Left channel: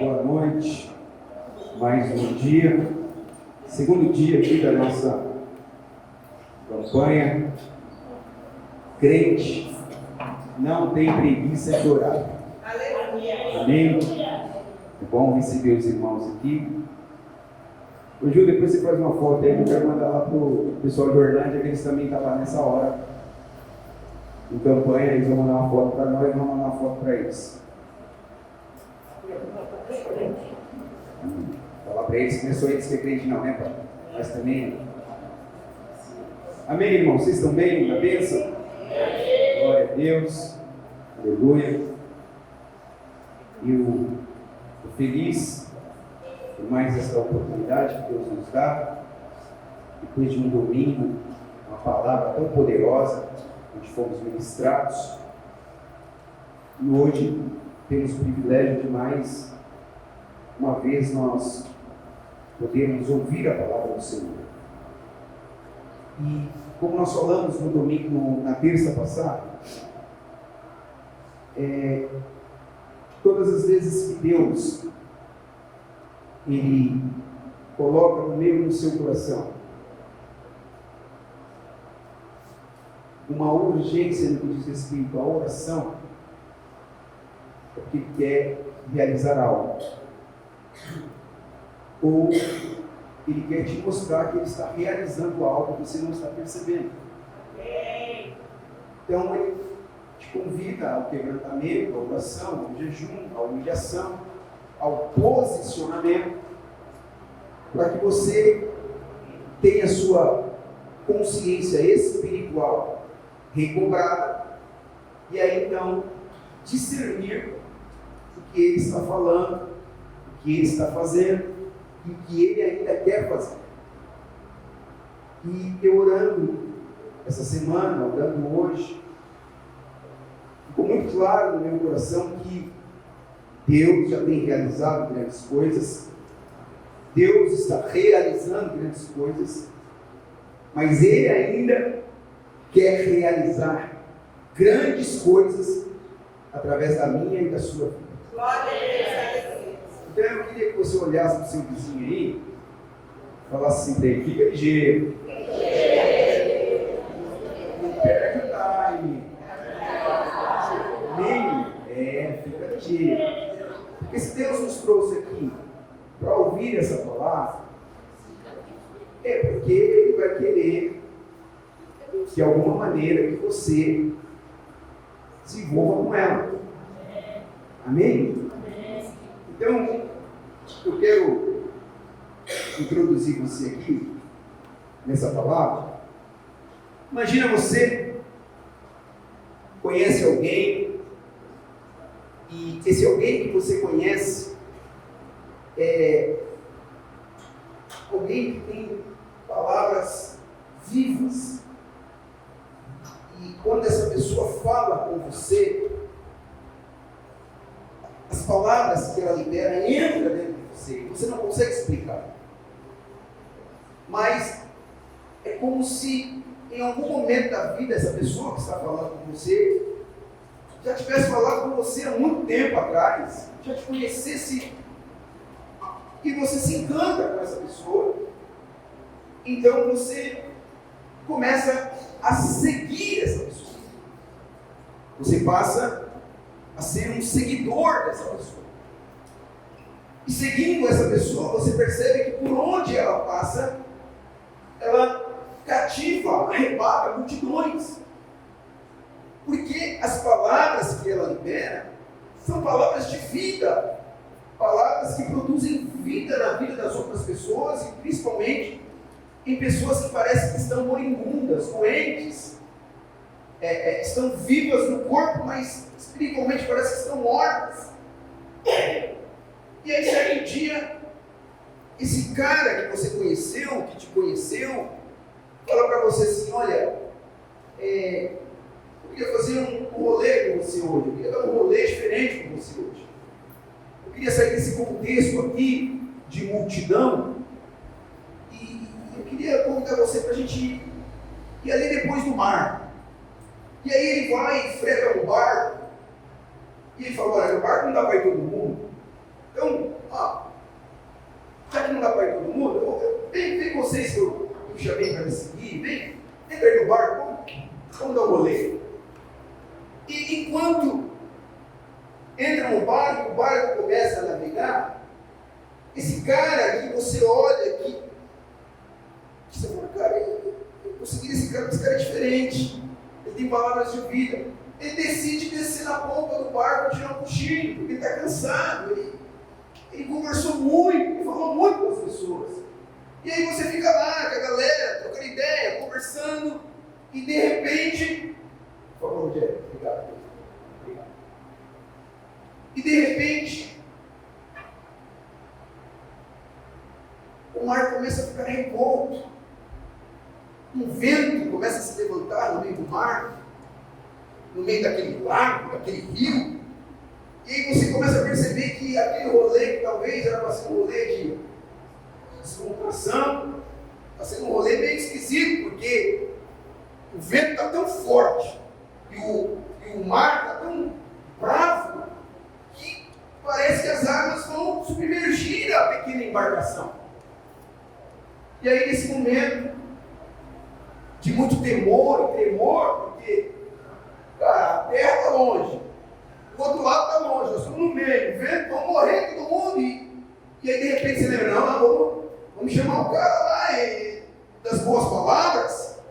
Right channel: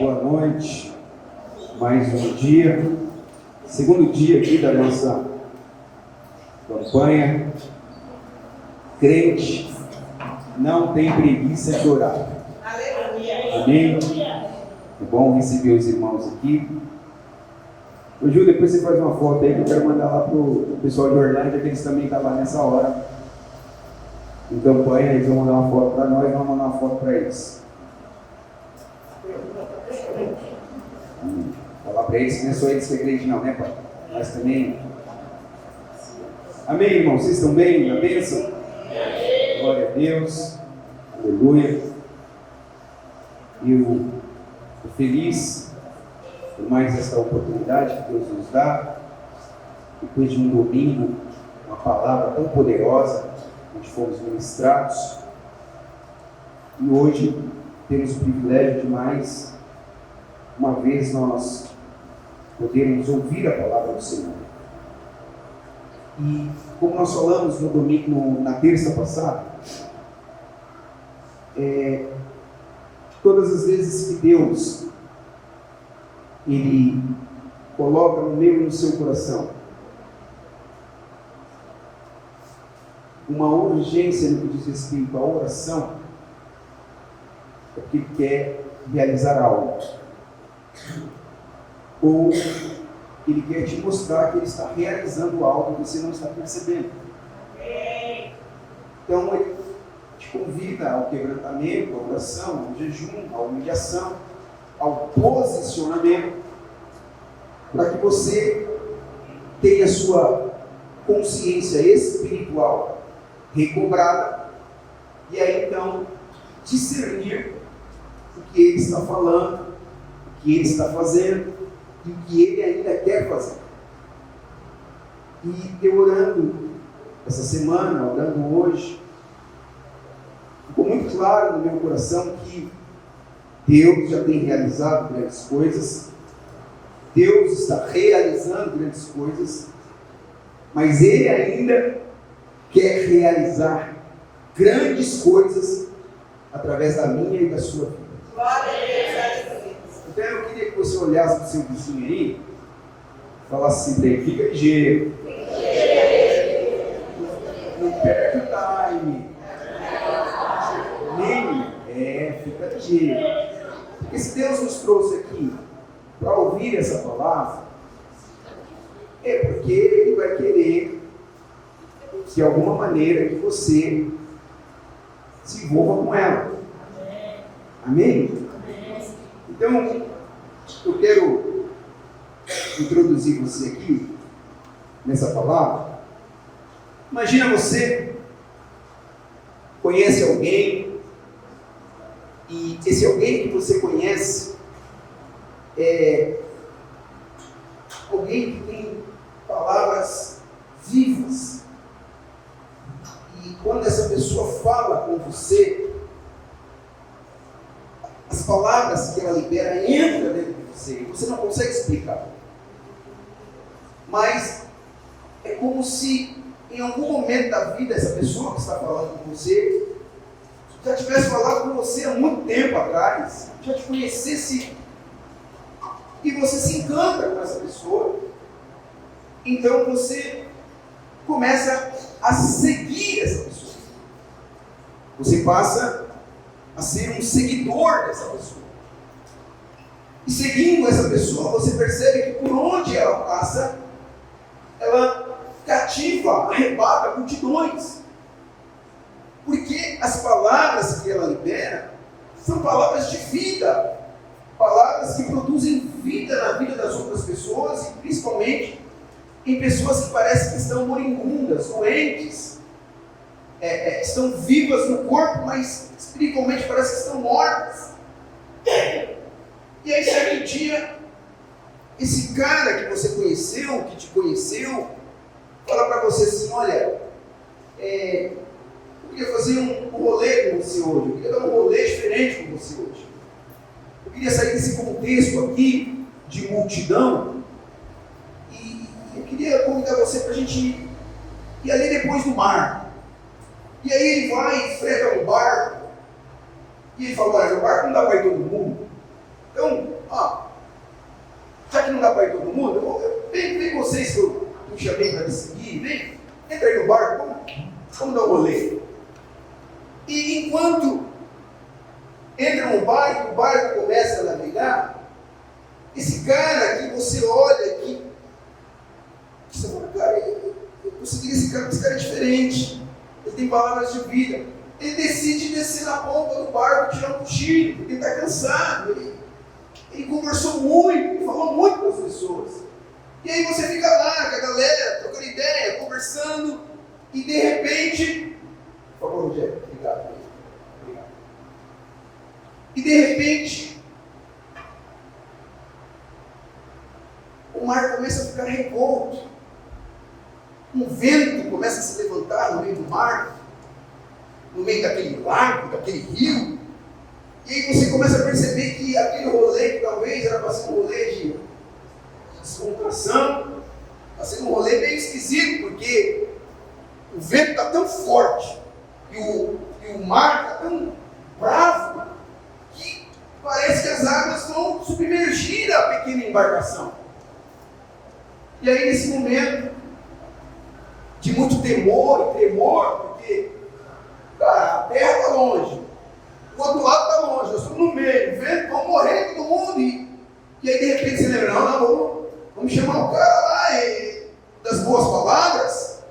Boa noite, mais um dia, segundo dia aqui da nossa campanha. Crente não tem preguiça de orar. Amém? É bom receber os irmãos aqui. Ô Ju, depois você faz uma foto aí que eu quero mandar lá pro pessoal de Orlândia, que eles também estão lá nessa hora. Em campanha, eles vão mandar uma foto para nós, vamos mandar uma foto para eles. Falar para eles que não é só eles que é crente não, né, pai? Mas também. Amém, irmãos? Vocês estão bem? Na bênção? Glória a Deus. Aleluia. E eu estou feliz por mais esta oportunidade que Deus nos dá. Depois de um domingo, uma palavra tão poderosa, onde fomos ministrados. E hoje temos o privilégio de mais uma vez nós podermos ouvir a palavra do Senhor. E como nós falamos no domingo, na terça passada, todas as vezes que Deus Ele coloca no meio do seu coração uma urgência no que diz respeito à oração, é porque Ele quer realizar algo. Ou Ele quer te mostrar que Ele está realizando algo que você não está percebendo. Então Ele te convida ao quebrantamento, à oração, ao jejum, à humilhação, ao posicionamento, para que você tenha a sua consciência espiritual recobrada e aí então discernir o que Ele está falando, o que Ele está fazendo e o que Ele ainda quer fazer. E eu orando essa semana, orando hoje, ficou muito claro no meu coração que Deus já tem realizado grandes coisas, Deus está realizando grandes coisas, mas Ele ainda quer realizar grandes coisas através da minha e da sua vida. Então eu queria que você olhasse para o seu vizinho aí e falasse assim para ele: fica ligeiro, não perde o time, fica ligeiro. Porque se Deus nos trouxe aqui para ouvir essa palavra, é porque Ele vai querer, de alguma maneira, que você se envolva com ela. Amém? Então, eu quero introduzir você aqui nessa palavra. Imagina você conhece alguém e esse alguém que você conhece é alguém que tem palavras vivas. E quando essa pessoa fala com você, as palavras que ela libera entram dentro de você. Você não consegue explicar. Mas é como se em algum momento da vida essa pessoa que está falando com você já tivesse falado com você há muito tempo atrás, já te conhecesse e você se encanta com essa pessoa. Então você começa a seguir essa pessoa. Você passa a ser um seguidor dessa pessoa. E seguindo essa pessoa, você percebe que por onde ela passa, ela cativa, arrebata multidões. Porque as palavras que ela libera são palavras de vida. Palavras que produzem vida na vida das outras pessoas e principalmente em pessoas que parecem que estão moribundas, doentes, estão vivas no corpo, mas espiritualmente parece que estão mortas. E aí, certo dia, esse cara que você conheceu, que te conheceu, fala para você assim: olha, eu queria fazer um rolê com você hoje, eu queria dar um rolê diferente com você hoje. Eu queria sair desse contexto aqui de multidão e eu queria convidar você para a gente ir ali depois do mar. E aí ele vai e freta no barco e ele fala: olha, no barco não dá para ir todo mundo, então Vamos dar um rolê. E enquanto entra no barco, o barco começa a navegar, esse cara que você olha aqui, você fala, cara, eu consegui esse cara é diferente. Ele tem palavras de vida. Ele decide descer na ponta do barco, tirar um cochilo, porque ele está cansado. Ele conversou muito, ele falou muito com as pessoas. E aí você fica lá com a galera, trocando ideia, conversando, e de repente, por favor, Rogério, obrigado. E de repente, o mar começa a ficar revolto. Um vento começa a se levantar no meio do mar, no meio daquele lago, daquele rio. E aí você começa a perceber que aquele rolê, que talvez era para ser um rolê de descontração, está sendo um rolê meio esquisito, porque o vento está tão forte e o mar está tão bravo que parece que as águas vão submergir a pequena embarcação. E aí, nesse momento de muito temor, porque, cara, a terra está longe, o outro lado está longe, nós estamos no meio, o vento, vamos morrer todo mundo. E aí, de repente, você lembra, vamos chamar o cara lá das boas palavras,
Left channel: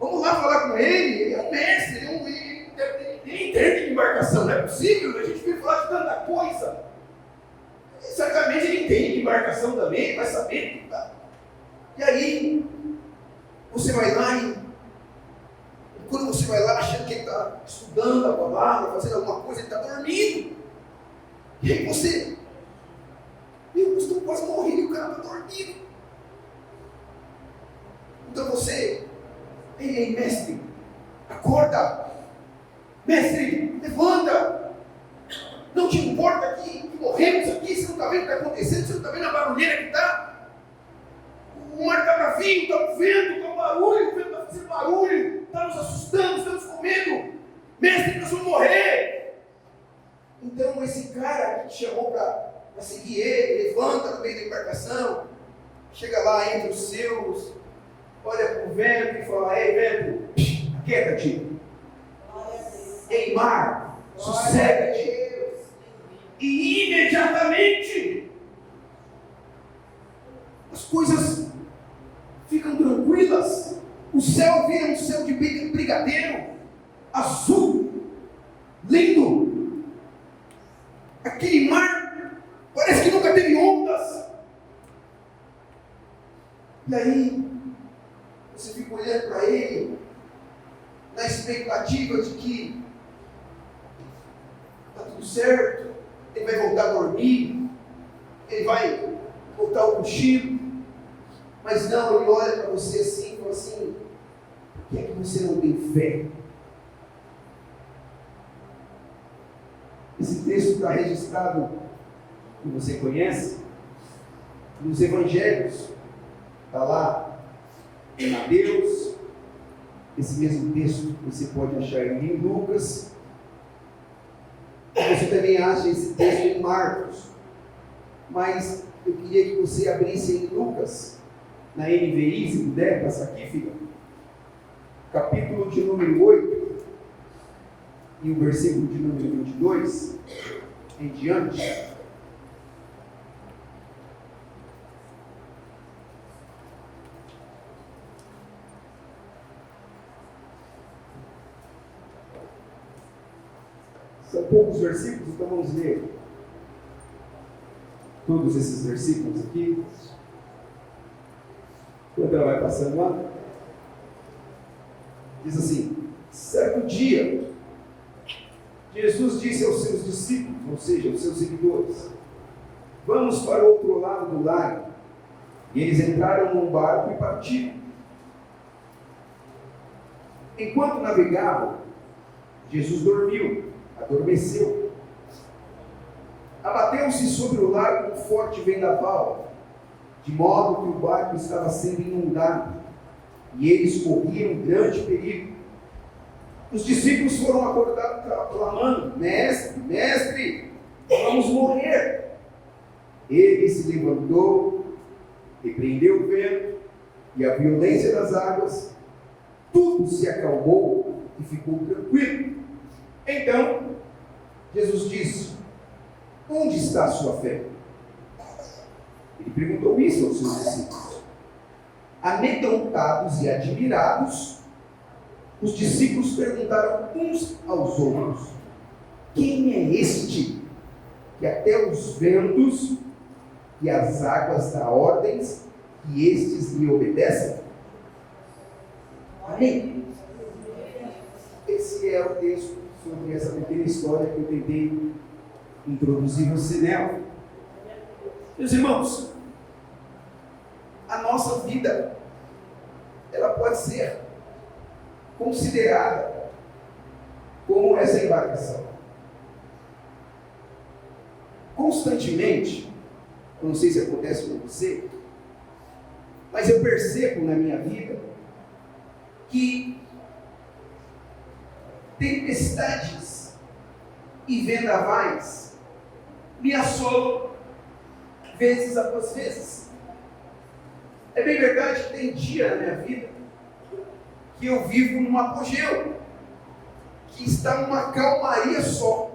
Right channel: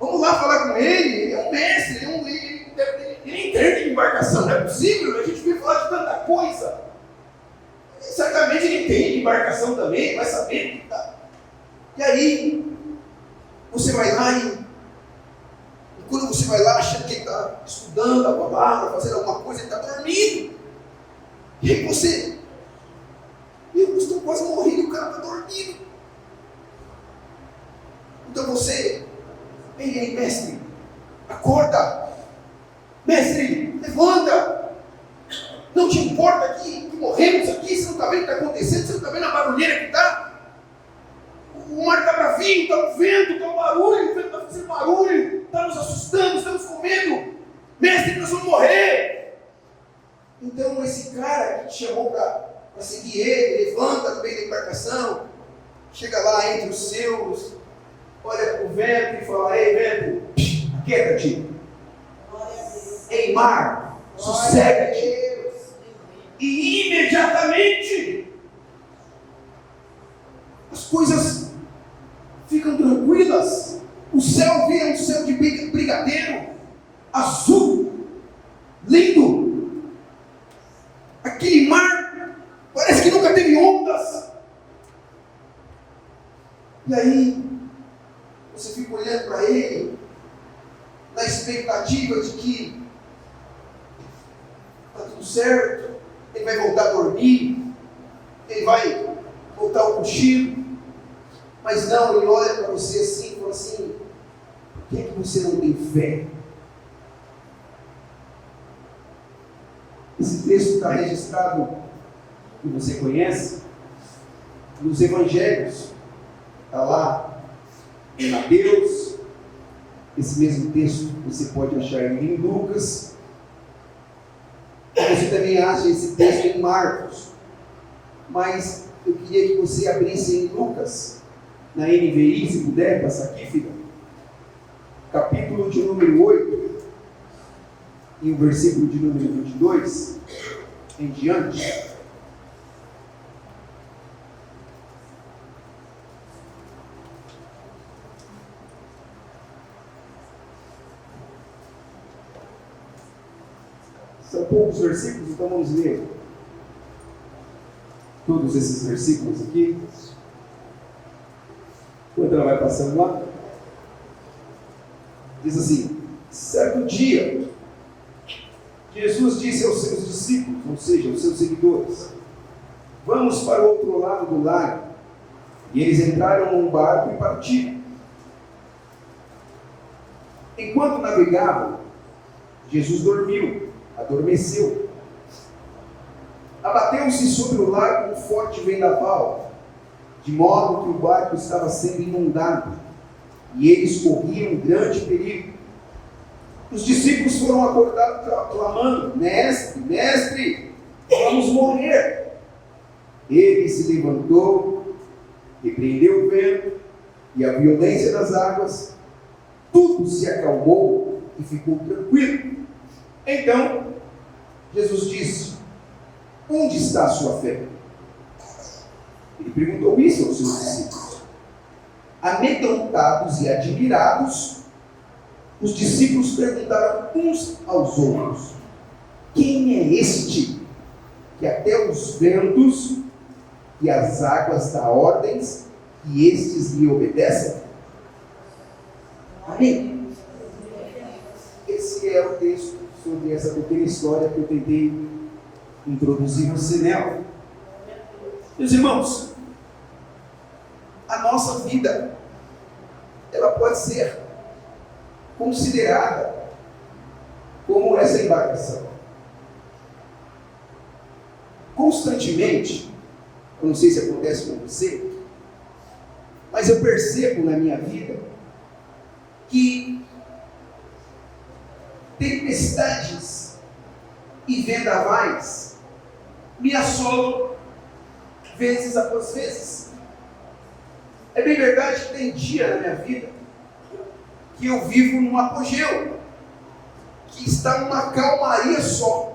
vamos lá falar com ele, ele é um mestre, ele entende de embarcação, não é possível, a gente veio falar de tanta coisa. Certamente ele entende de embarcação também, vai saber que tá. E aí, você vai lá e quando você vai lá, achando que ele está estudando a palavra, fazendo alguma coisa, ele está dormindo. E aí você, eu estou quase morrendo e o cara está dormindo. Então você, ei, mestre, acorda. Mestre, levanta. Não te importa que morremos aqui, você não está vendo o que está acontecendo, você não está vendo a barulheira que está? O mar está bravinho, está o vento, está o barulho, o vento está fazendo barulho, está nos assustando, estamos com medo. Mestre, nós vamos morrer. Então esse cara que te chamou para seguir ele, levanta no meio da embarcação, chega lá entre os seus, olha para o vento e fala, ei vento, aquieta-te. Ei mar, sossega-te. E imediatamente as coisas ficam tranquilas, o céu vira um céu de brigadeiro, azul, lindo. Aquele mar parece que nunca teve ondas. E aí você fica olhando para ele na expectativa de que está tudo certo, ele vai voltar a dormir, ele vai voltar ao cochilo. Mas não, ele olha para você assim e fala assim, por que é que você não tem fé? Esse texto está registrado, que você conhece, nos evangelhos. Está lá em Mateus. Esse mesmo texto você pode achar em Lucas. Você também acha esse texto em Marcos. Mas eu queria que você abrisse em Lucas, na NVI, se puder, passa aqui, filha. Capítulo de número 8, e o versículo de número 22, em diante. São poucos versículos, então vamos ler todos esses versículos aqui. Quando ela vai passando lá, diz assim: certo dia, Jesus disse aos seus discípulos, ou seja, aos seus seguidores, vamos para o outro lado do lago. E eles entraram num barco e partiram. Enquanto navegavam, Jesus dormiu, adormeceu. Abateu-se sobre o lago um forte vendaval, de modo que o barco estava sendo inundado, e eles corriam grande perigo. Os discípulos foram acordados clamando: mestre, mestre, vamos morrer. Ele se levantou, repreendeu o vento e a violência das águas, tudo se acalmou, e ficou tranquilo. Então, Jesus disse: onde está a sua fé? Ele perguntou isso aos seus discípulos. Amedrontados e admirados, os discípulos perguntaram uns aos outros: quem é este que até os ventos e as águas dá ordens e estes lhe obedecem? Amém? Esse é o texto sobre essa pequena história que eu tentei introduzir você nela. Meus irmãos, a nossa vida, ela pode ser considerada como essa embarcação. Constantemente, eu não sei se acontece com você, mas eu percebo na minha vida que tempestades e vendavais me assolam vezes após vezes. É bem verdade que tem dia na minha vida que eu vivo num apogeu, que está numa calmaria só.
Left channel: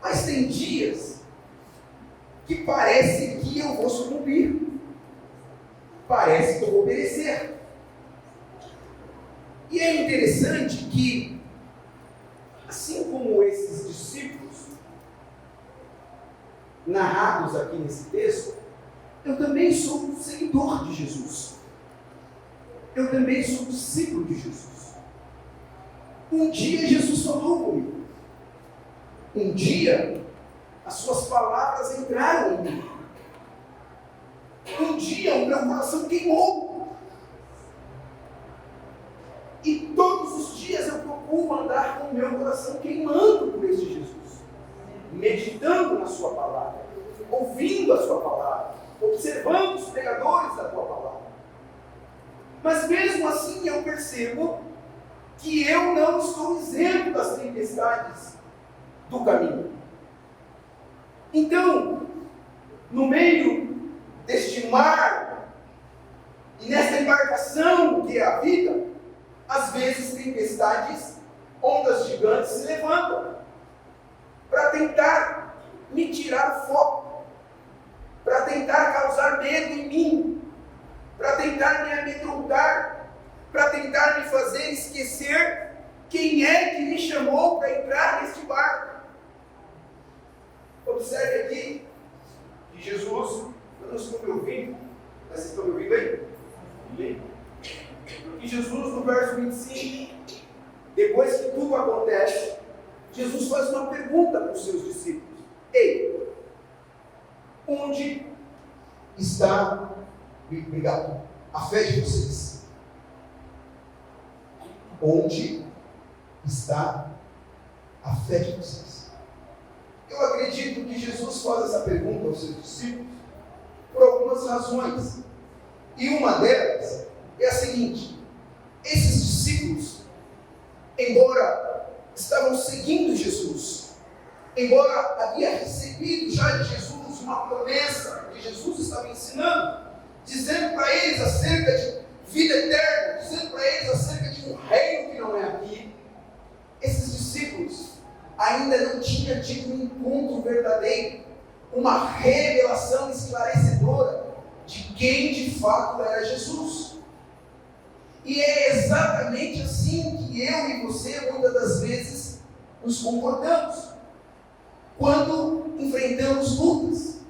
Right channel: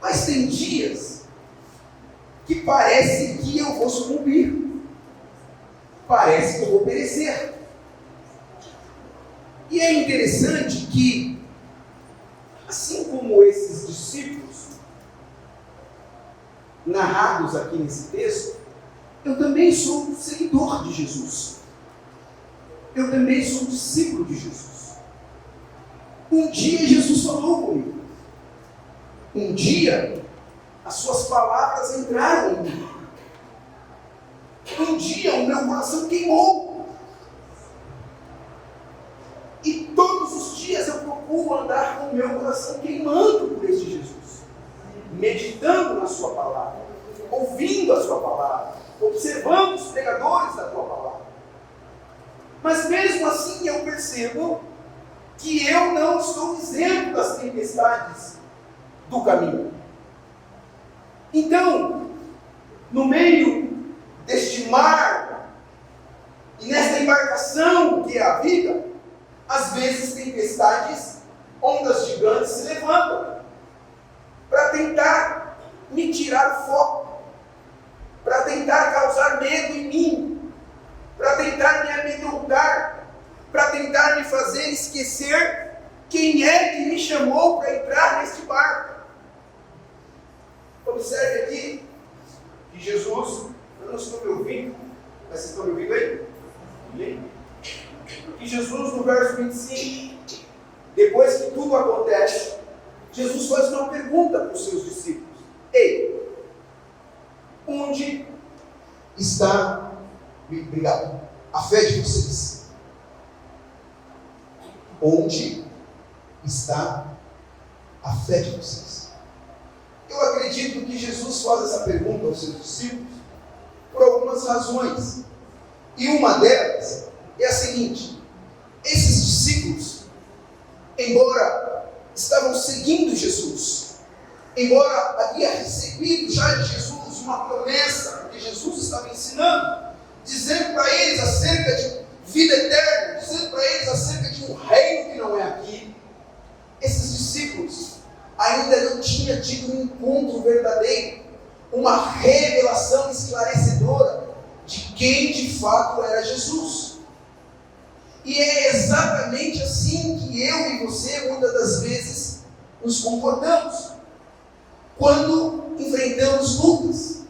Mas tem dias que parece que eu vou sucumbir, parece que eu vou perecer. E é interessante que, assim como esses discípulos narrados aqui nesse texto, eu também sou um seguidor de Jesus. Eu também sou um discípulo de Jesus. Um dia Jesus falou comigo. Um dia as suas palavras entraram em mim. Um dia o meu coração queimou. E todos os dias eu procuro andar com o meu coração queimando por esse Jesus. Meditando na sua palavra. Ouvindo a sua palavra. Observando os pregadores da tua palavra. Mas mesmo assim eu percebo que eu não estou isento das tempestades do caminho. Então, no meio deste mar e nesta embarcação que é a vida, às vezes tempestades, ondas gigantes se levantam para tentar me tirar o foco, para tentar causar medo em mim, para tentar me amedrontar, para tentar me fazer esquecer quem é que me chamou para entrar neste barco. Observe aqui que Jesus, eu não estou me ouvindo, mas vocês estão me ouvindo aí? Amém? E Jesus, no verso 25, depois que tudo acontece, Jesus faz uma pergunta para os seus discípulos: ei, onde está, obrigado, a fé de vocês? Onde está a fé de vocês? Eu acredito que Jesus faz essa pergunta aos seus discípulos por algumas razões. E uma delas é a seguinte: esses discípulos, embora estavam seguindo Jesus, embora havia recebido já de Jesus uma promessa que Jesus estava ensinando, dizendo para eles acerca de vida eterna, dizendo para eles acerca de um reino que não é aqui, esses discípulos ainda não tinham tido um encontro verdadeiro, uma revelação esclarecedora de quem de fato era Jesus. E é exatamente assim que eu e você muitas das vezes nos comportamos quando enfrentamos lutas,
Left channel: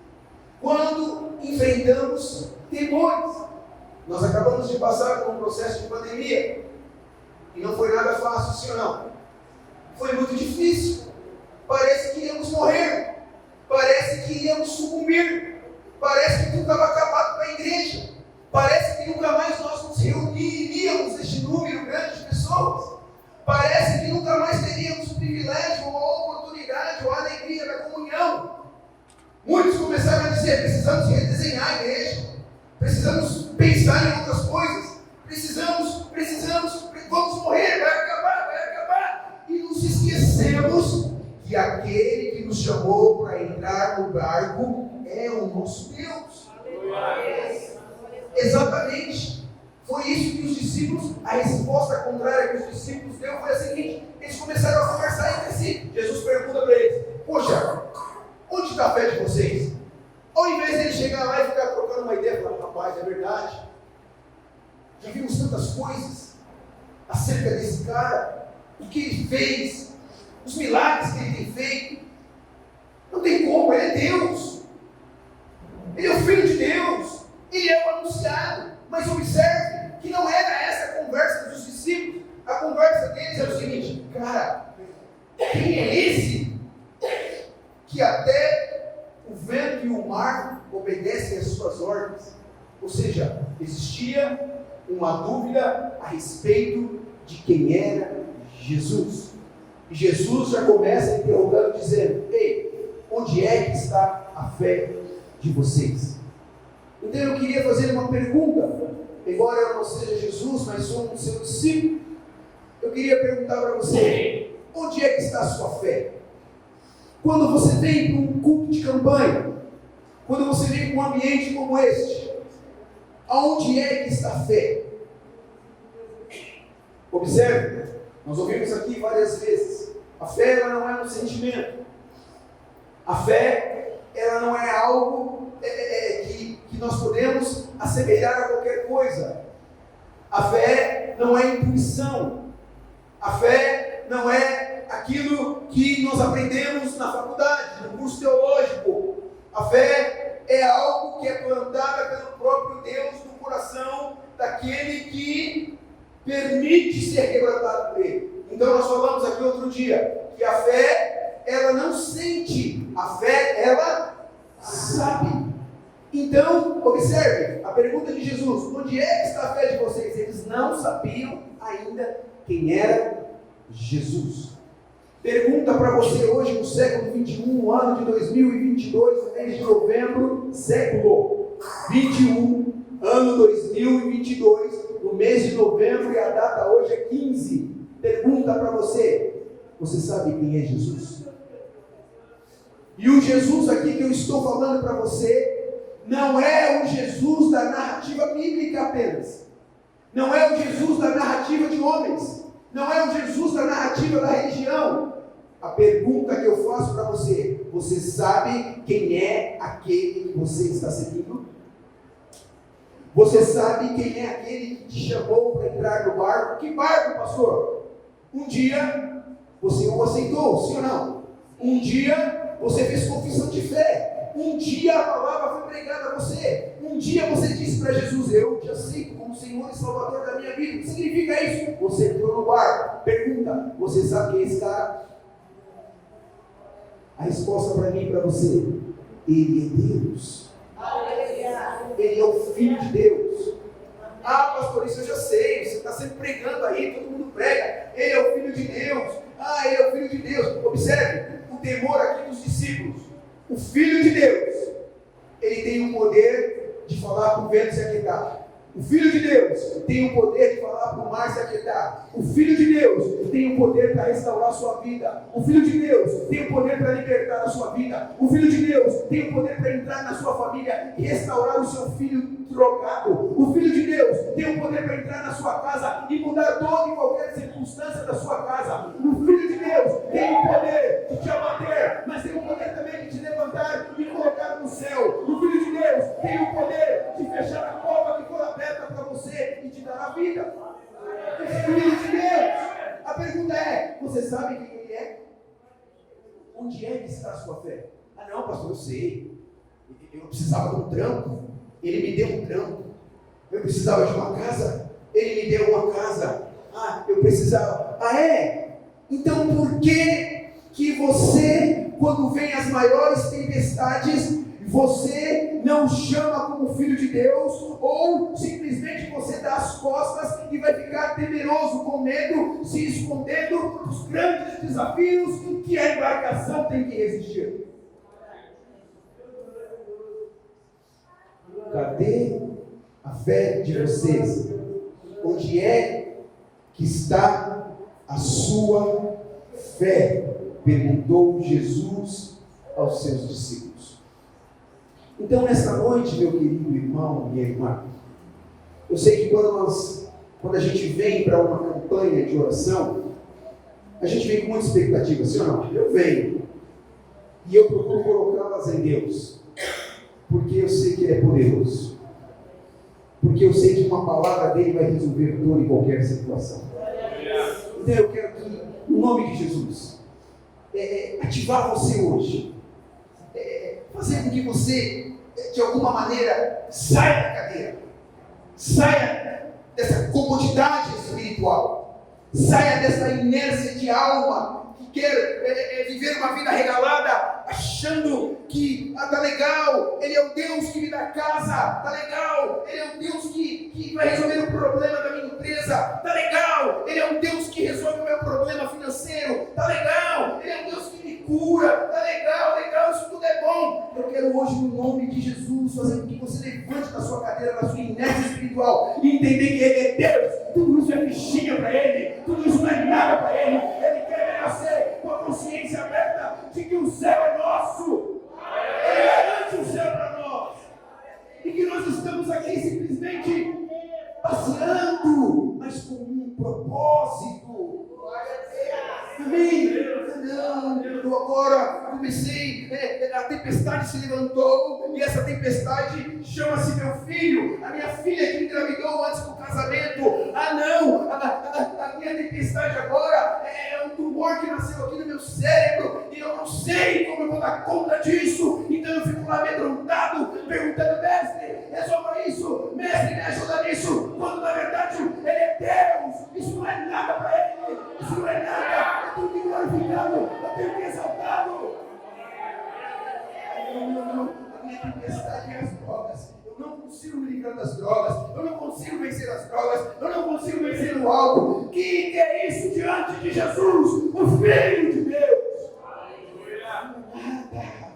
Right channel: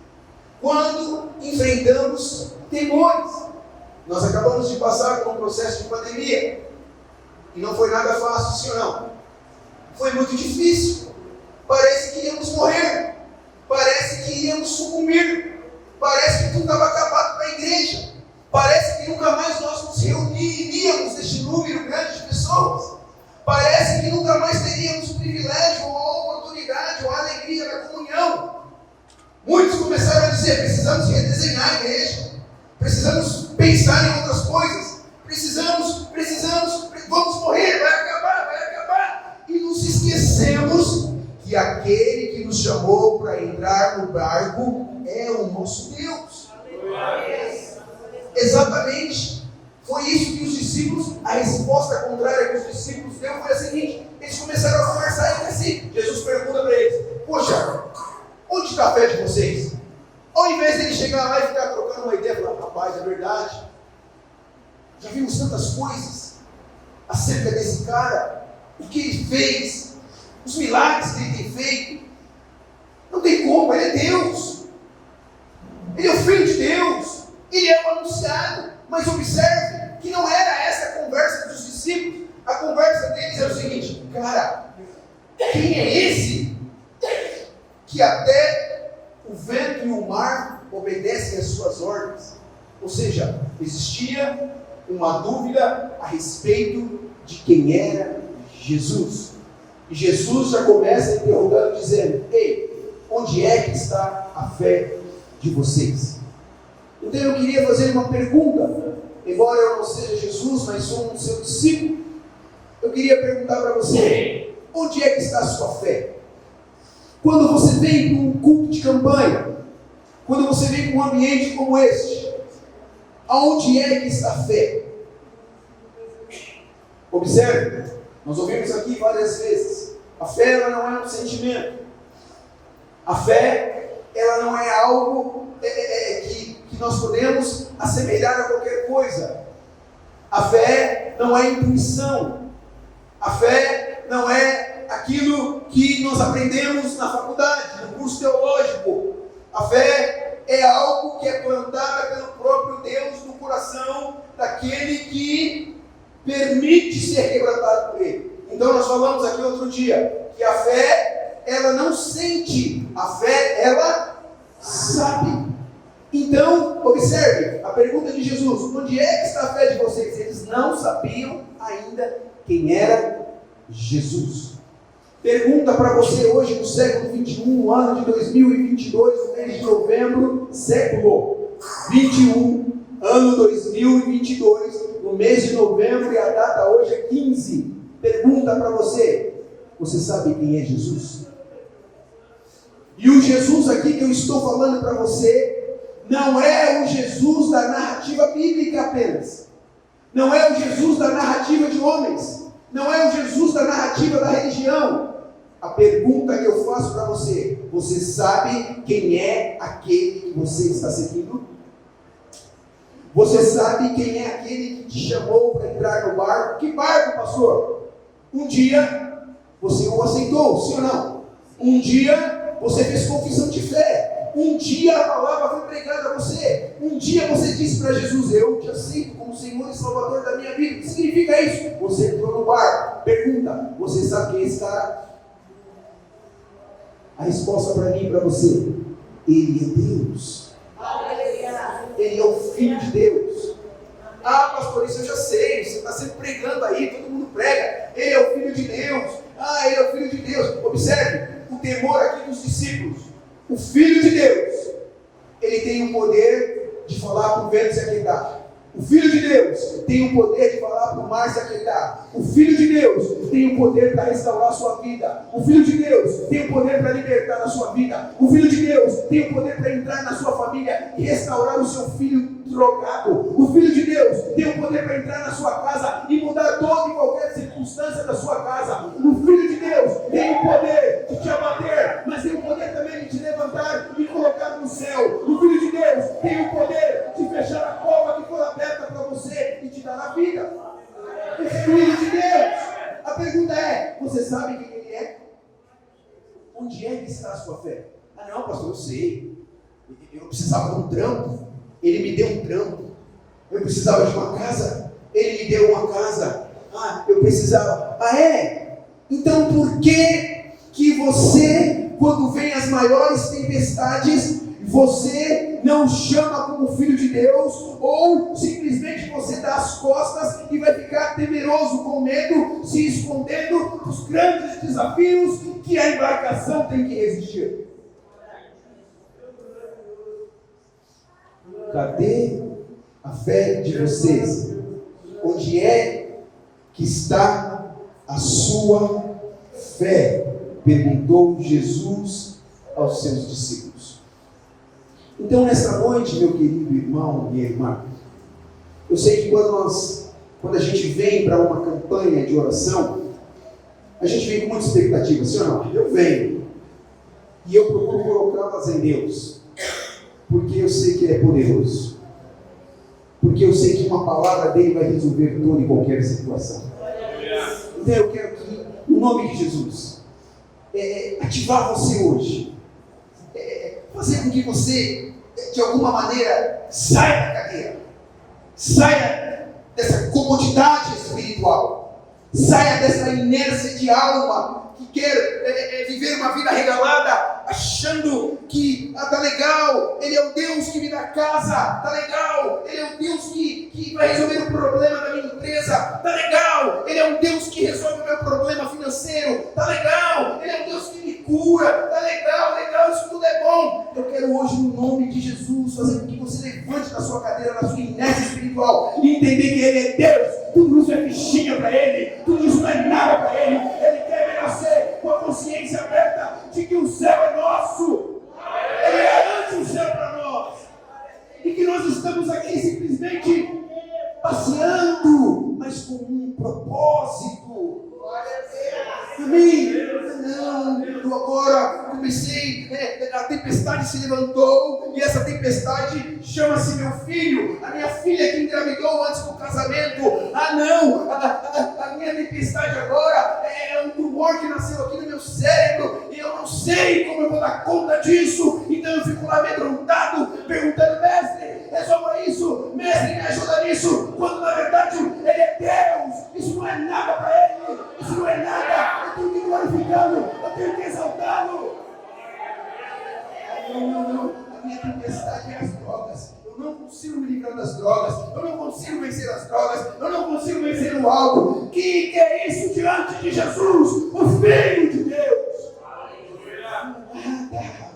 quando enfrentamos temores. Nós acabamos de passar por um processo de pandemia e não foi nada fácil, sim ou não? Foi muito difícil. Parece que íamos morrer, parece que iríamos sucumbir, parece que tudo estava acabado para a igreja, parece que nunca mais nós nos reuniríamos neste número grande de pessoas, parece que nunca mais teríamos o privilégio ou a oportunidade ou a alegria da comunhão. Muitos começaram a dizer: precisamos redesenhar a igreja, precisamos pensar em outras coisas, vamos morrer, vai acabar. E nos esquecemos que aquele que nos chamou para entrar no barco é o nosso Deus. Exatamente. Foi isso que os discípulos, a resposta contrária que os discípulos deu foi a seguinte: eles começaram a conversar entre si. Jesus pergunta para eles: poxa, onde está a fé de vocês? Ao invés de ele chegar lá e ficar trocando uma ideia, falar: rapaz, é verdade, já vimos tantas coisas acerca desse cara, o que ele fez, os milagres que ele tem feito. Não tem como, ele é Deus, ele é o Filho de Deus, ele é o anunciado. Mas observe que não era essa a conversa dos discípulos. A conversa deles era o seguinte: cara, quem é esse que até o vento e o mar obedecem às suas ordens? Ou seja, existia uma dúvida a respeito de quem era Jesus. E Jesus já começa interrogando, dizendo: ei, onde é que está a fé de vocês? Então eu queria fazer uma pergunta, embora eu não seja Jesus, mas sou um seu discípulo. Eu queria perguntar para você: onde é que está a sua fé? Quando você vem para um culto de campanha, quando você vem para um ambiente como este, aonde é que está a fé? Observe, nós ouvimos aqui várias vezes, a fé ela não é um sentimento, a fé ela não é algo que nós podemos assemelhar a qualquer coisa. A fé não é intuição, a fé não é aquilo que nós aprendemos na faculdade, no curso teológico. A fé é algo que é plantada pelo próprio Deus no coração daquele que permite ser quebrantado por Ele. Então nós falamos aqui outro dia que a fé ela não sente, a fé ela sabe. Então, observe a pergunta de Jesus: onde é que está a fé de vocês? Eles não sabiam ainda quem era Jesus. Pergunta para você hoje no século 21, ano de 2022, no mês de novembro, século 21, ano 2022, no mês de novembro, e a data hoje é 15. Pergunta para você: você sabe quem é Jesus? E o Jesus aqui que eu estou falando para você não é o Jesus da narrativa bíblica apenas. Não é o Jesus da narrativa de homens. Não é o Jesus da narrativa da religião. A pergunta que eu faço para você: você sabe quem é aquele que você está seguindo? Você sabe quem é aquele que te chamou para entrar no barco? Que barco, pastor? Um dia você o aceitou, sim ou não? Um dia você fez confissão de fé. Um dia a palavra foi pregada a você. Um dia você disse para Jesus: eu te aceito como Senhor e Salvador da minha vida. O que significa isso? Você entrou no barco. Pergunta: você sabe quem é esse cara? A resposta para mim e para você: Ele é Deus. Ele é o Filho de Deus. Ah, pastor, isso eu já sei. Você está sempre pregando aí, todo mundo prega. Ele é o Filho de Deus. Ah, ele é o Filho de Deus. Observe o temor aqui dos discípulos. O Filho de Deus, ele tem o poder de falar para o vento se aquietar. O Filho de Deus tem o poder de falar para o mar se aquietar. O Filho de Deus tem o poder para restaurar a sua vida. O Filho de Deus tem o poder para libertar a sua vida. O Filho de Deus tem o poder para entrar na sua família e restaurar o seu filho drogado. O Filho de Deus tem o poder para entrar na sua casa e mudar toda e qualquer circunstância da sua casa. O Filho de Deus tem o poder de te abater, mas tem o poder também de te levantar e colocar no céu. O Filho de Deus tem o poder de fechar a cova que for aberta para você e te dar a vida. O Filho de Deus. A pergunta é: você sabe quem Ele é? Onde é que está a sua fé? Ah não, pastor, eu sei. Eu precisava de um trampo. Ele me deu um trampo. Eu precisava de uma casa. Ele me deu uma casa. Ah, eu precisava. Ah, é? Então por que você, quando vem as maiores tempestades, você não chama como filho de Deus, ou simplesmente você dá as costas e vai ficar temeroso, com medo, se escondendo dos grandes desafios que a embarcação tem que resistir? Cadê a fé de vocês? Onde é que está a sua fé? Perguntou Jesus aos seus discípulos. Então, nessa noite, meu querido irmão e irmã, Eu sei que quando a gente vem para uma campanha de oração, a gente vem com muita expectativa, sim ou não? Eu venho. E eu procuro colocá-las em Deus. Porque eu sei que Ele é poderoso. Porque eu sei que uma palavra dele vai resolver toda e qualquer situação. Então eu quero que, no nome de Jesus, ativar você hoje. Fazer com que você, de alguma maneira, saia da cadeira. Saia dessa comodidade espiritual. Saia dessa inércia de alma que quer viver uma vida regalada, achando que tá legal, Ele é o Deus que me dá casa, tá legal, Ele é o Deus que vai resolver o problema da minha empresa, tá legal, Ele é um Deus que resolve o meu problema financeiro, tá legal, Ele é um Deus que me cura, tá legal, isso tudo é bom. Eu quero hoje, no nome de Jesus, fazer com que você levante da sua cadeira, da sua inércia espiritual e entender que Ele é Deus. Tudo isso é fichinha para Ele, tudo isso não é nada para Ele. Ele quer nascer com a consciência aberta de que o céu é nosso. Ele garante o céu para nós. E que nós estamos aqui simplesmente passeando, mas com um propósito. Amém? Não, eu agora comecei, a tempestade se levantou, e essa tempestade chama-se meu filho, a minha filha que engravidou antes do casamento. Ah não, a minha tempestade agora é um tumor que nasceu aqui no meu cérebro, e eu não sei como eu vou dar conta disso. Então eu fico lá amedrontado, perguntando: mestre, resolva isso, mestre, me ajuda nisso, quando na verdade Ele é Deus. Isso não é nada para Ele, isso não é nada. Eu tenho que glorificá-lo, eu tenho que exaltá-lo. Não, a minha tempestade é as drogas. Eu não consigo me livrar das drogas, eu não consigo vencer as drogas, eu não consigo vencer o álcool. Que é isso diante de Jesus, o Filho de Deus? Nada.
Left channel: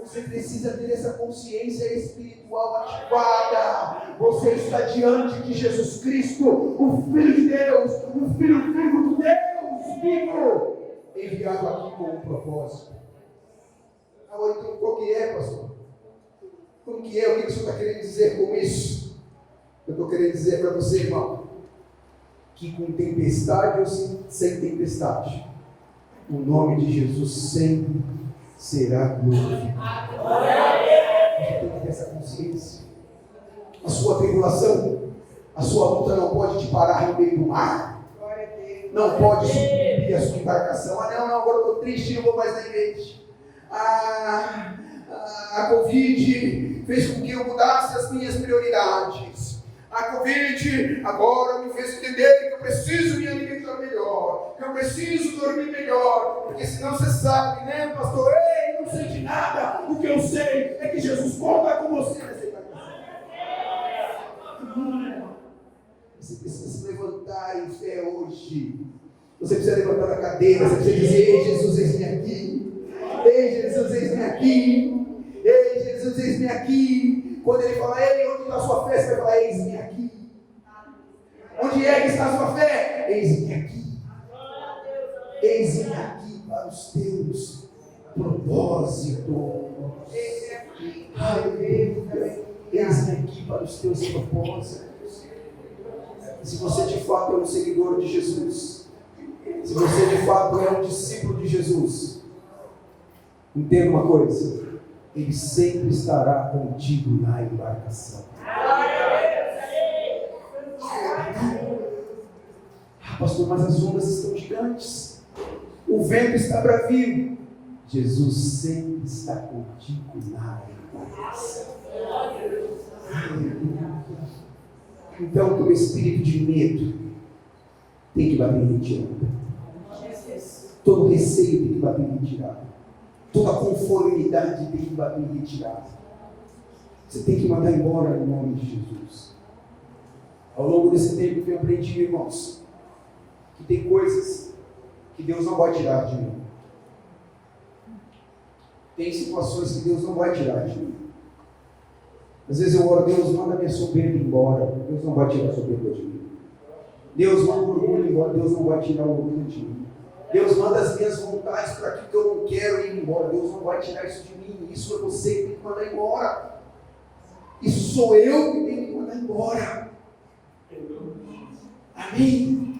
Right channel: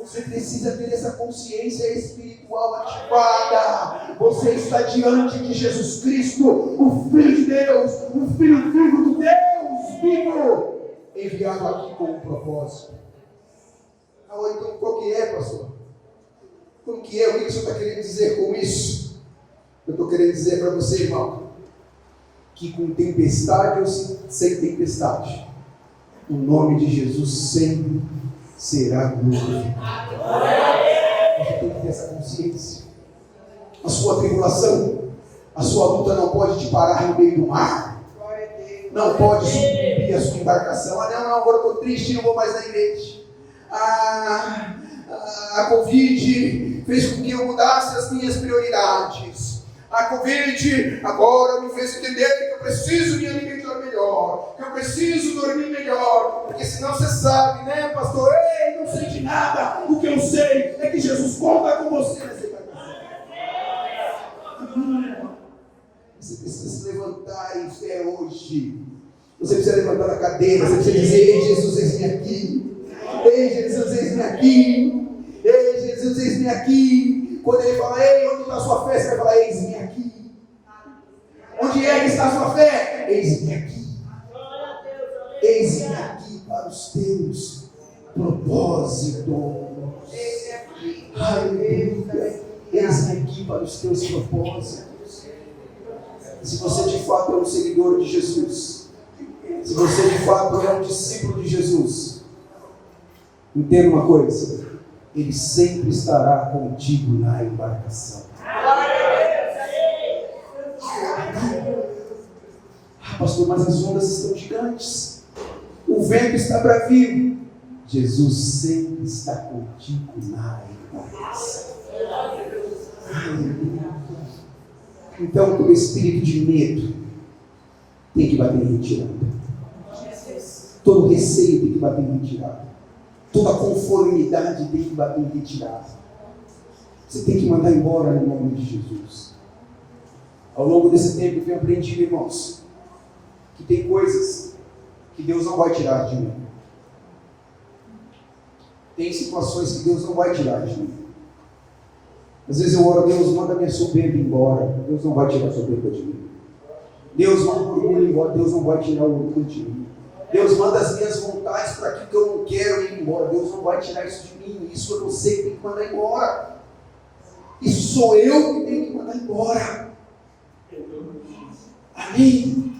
Você precisa ter essa consciência espiritual ativada. Você está diante de Jesus Cristo, o Filho de Deus, o Filho vivo de Deus, vivo, enviado aqui com um propósito. Agora, então, qual que é, pastor? Como que é? O que o senhor está querendo dizer com isso? Eu estou querendo dizer para você, irmão, que com tempestade ou sem tempestade, o nome de Jesus sempre será glorificado. Você tem que ter essa consciência. A sua tribulação, a sua luta não pode te parar no meio do mar. Não pode subir a sua embarcação. Ah, não, agora eu estou triste, não vou mais na igreja. A Covid fez com que eu mudasse as minhas prioridades. A Covid agora me fez entender que eu preciso me alimentar melhor, que eu preciso dormir melhor, porque senão você sabe, né, pastor? Ei, não sei de nada. O que eu sei é que Jesus conta com você nessa embarcação. Você precisa se levantar em fé hoje. Você precisa levantar da cadeira, você precisa dizer: ei, Jesus, eis-me aqui. Ei, Jesus, eis-me aqui. Ei, Jesus, eis-me aqui. Quando Ele fala: ei, onde está a sua fé? Você vai falar: eis-me aqui. Onde é que está a sua fé? Eis-me aqui. Eis-me aqui para os teus propósitos. Aleluia. Eis-me aqui para os teus propósitos. Se você de fato é um seguidor de Jesus, se você de fato é um discípulo de Jesus, entenda uma coisa: Ele sempre estará contigo na embarcação. Pastor, mas as ondas estão gigantes, o vento está bravio. Jesus sempre está contigo na embarcação. Então, todo espírito de medo tem que bater em retirada. Todo receio tem que bater em retirada. Toda conformidade tem que bater em retirada. Você tem que mandar embora em nome de Jesus. Ao longo desse tempo eu tenho aprendido, irmãos, que tem coisas que Deus não vai tirar de mim. Tem situações que Deus não vai tirar de mim. Às vezes eu oro: Deus, manda minha soberba embora. Deus não vai tirar a soberba de mim. Deus manda o orgulho embora. Deus não vai tirar o orgulho de mim. Deus manda as minhas vontades para aquilo que eu não quero ir embora. Deus não vai tirar isso de mim. Isso é você que tem que mandar embora. Isso sou eu que tenho que mandar embora. Amém?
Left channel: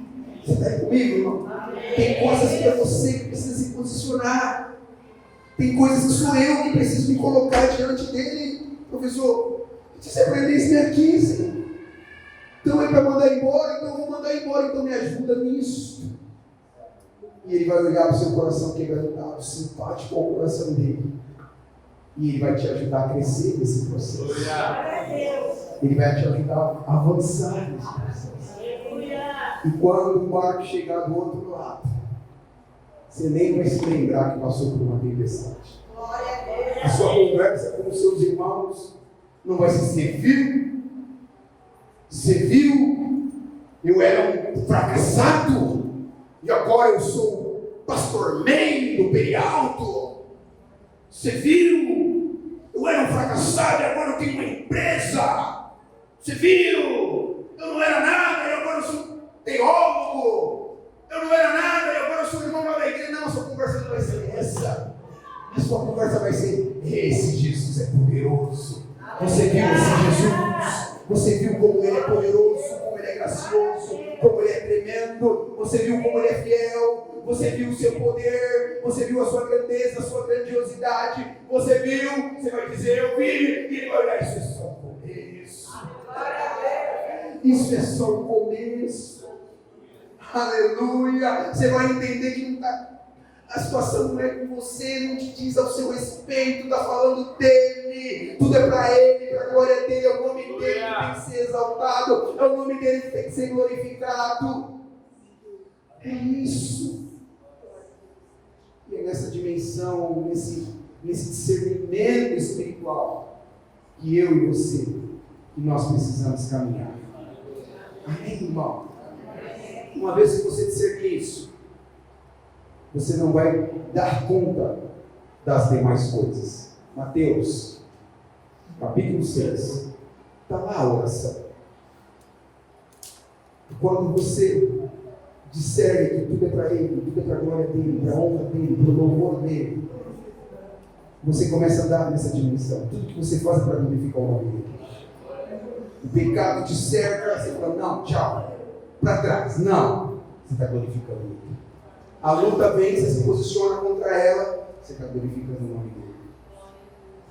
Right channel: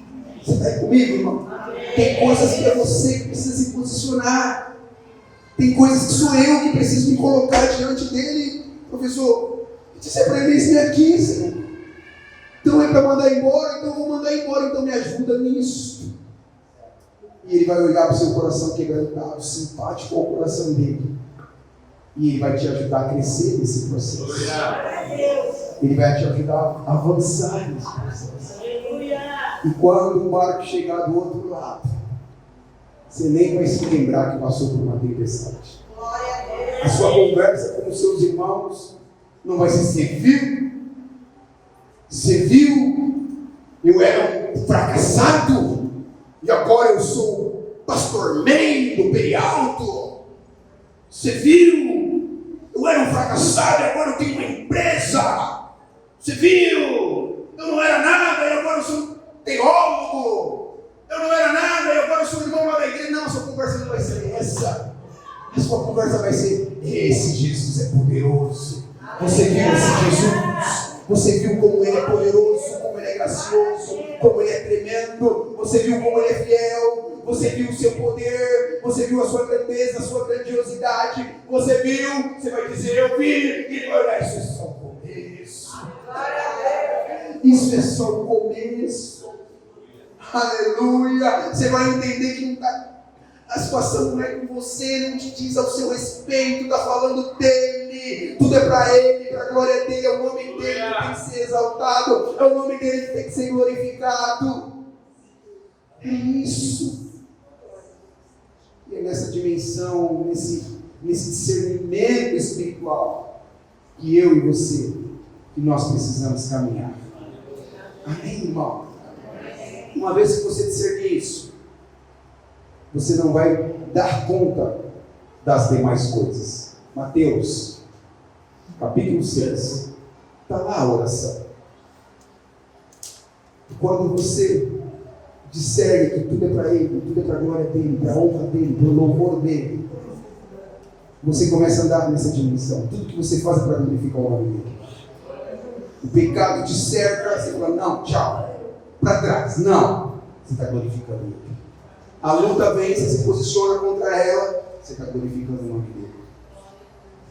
Você está aí comigo, irmão? Tem coisas que é você que precisa se posicionar. Tem coisas que sou eu que preciso me colocar diante dele. Professor, você aprendeu isso em 15. Então ele vai mandar embora, então eu vou mandar embora, então me ajuda nisso. E ele vai olhar para o seu coração quebrantado, simpático ao coração dele. E ele vai te ajudar a crescer nesse processo. Ele vai te ajudar a avançar nesse processo. E quando o barco chegar do outro lado, você nem vai se lembrar que passou por uma tempestade. A sua conversa com os seus irmãos não vai ser: você viu? Você viu? Eu era um fracassado e agora eu sou pastor man do Perialto. Você viu? Eu era um fracassado e agora eu tenho uma empresa. Você viu? Eu não era nada e agora eu sou teólogo. Eu não era nada e agora eu sou irmão lá da igreja. Não, a sua conversa não vai ser essa. A sua conversa vai ser: esse Jesus é poderoso. Você viu esse Jesus? Você viu como ele é poderoso, como ele é gracioso, como ele é tremendo. Você viu como ele é fiel. Você viu o seu poder. Você viu a sua grandeza, a sua grandiosidade. Você viu, você vai dizer: eu vi. E ele vai olhar: isso é só o começo. Isso é só o começo. Aleluia. Você vai entender que não está... A situação não é com você, não te diz ao seu respeito, está falando dele, tudo é para ele, para a glória dele, é o nome dele que tem que ser exaltado, é o nome dele que tem que ser glorificado. É isso. E é nessa dimensão, nesse discernimento espiritual, que eu e você, que nós precisamos caminhar. Amém, irmão? Uma vez que você discernir isso, você não vai dar conta das demais coisas. Mateus, capítulo 6. Está lá a oração. E quando você discerne que tudo é para ele, tudo é para a glória dele, para a honra dele, para o louvor dele, você começa a andar nessa dimensão. Tudo que você faz é para glorificar o nome dele. O pecado te cerca, você fala: não, tchau. Para trás, não. Você está glorificando ele. A luta vem, você se posiciona contra ela, você está glorificando o nome dele.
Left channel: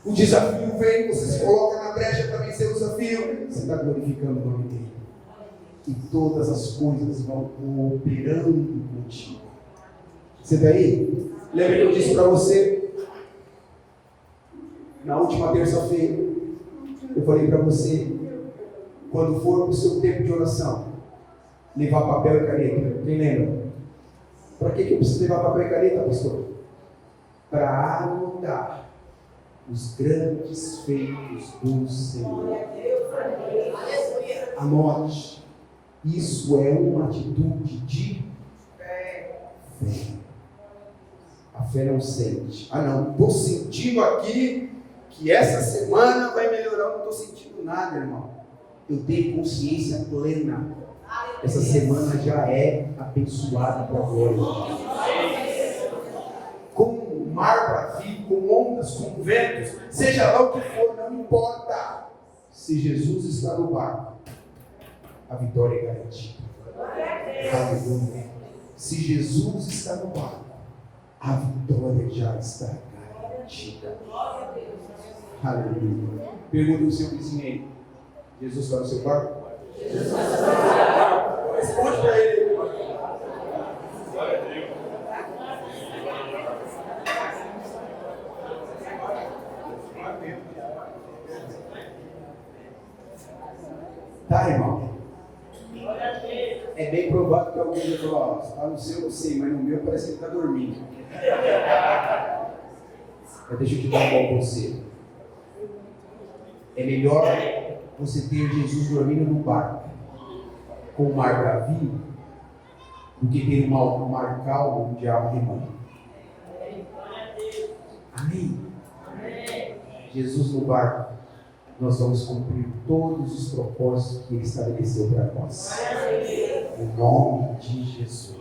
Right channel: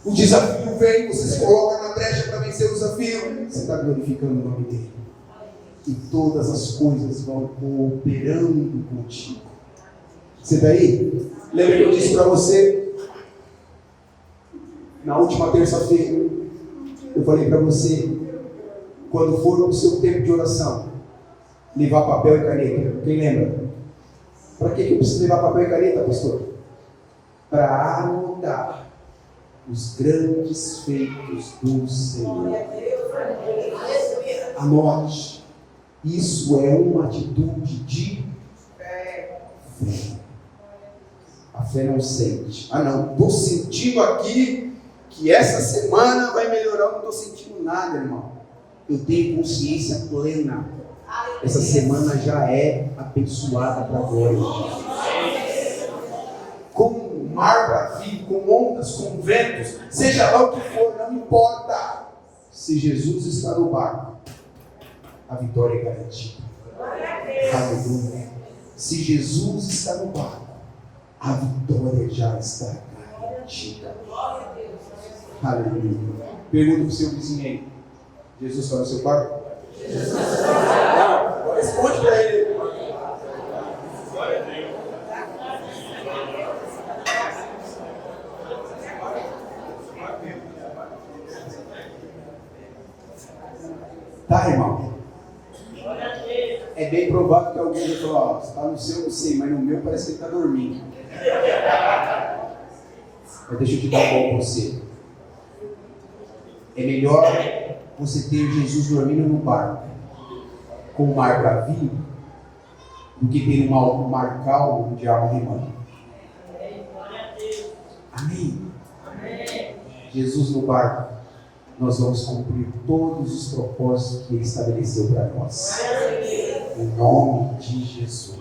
O desafio vem, você se coloca na brecha para vencer o desafio, você está glorificando o nome dele. E todas as coisas vão cooperando contigo. Você está aí? Lembra que eu disse para você, na última terça-feira, eu falei para você, quando for o seu tempo de oração, levar papel e caneta. Quem lembra? Para que eu preciso levar papel e caneta, pastor? Para anotar os grandes feitos do Senhor. Anote. Isso é uma atitude de fé. A fé não sente. Ah, não, estou sentindo aqui que essa semana vai melhorar. Não estou sentindo nada, irmão. Eu tenho consciência plena. Essa semana já é abençoada para a glória. Com mar bravido, com ondas, com ventos, seja lá o que for, não importa. Se Jesus está no barco, a vitória é garantida. Aleluia. Se Jesus está no barco, a vitória já está garantida. Aleluia. Pergunta para o seu vizinho aí: Jesus está no seu barco? Não, responde para ele. Glória a Deus. Tá, irmão? É bem provável que alguém vai falar: está no seu, eu sei, mas no meu parece que ele está dormindo. Mas deixa eu te dar um bom conselho. É melhor você ter Jesus dormindo no barco com o mar bravio do que ter um mar calmo, o diabo remando. Amém? Jesus no barco, nós vamos cumprir todos os propósitos que ele estabeleceu para nós. Em nome de Jesus.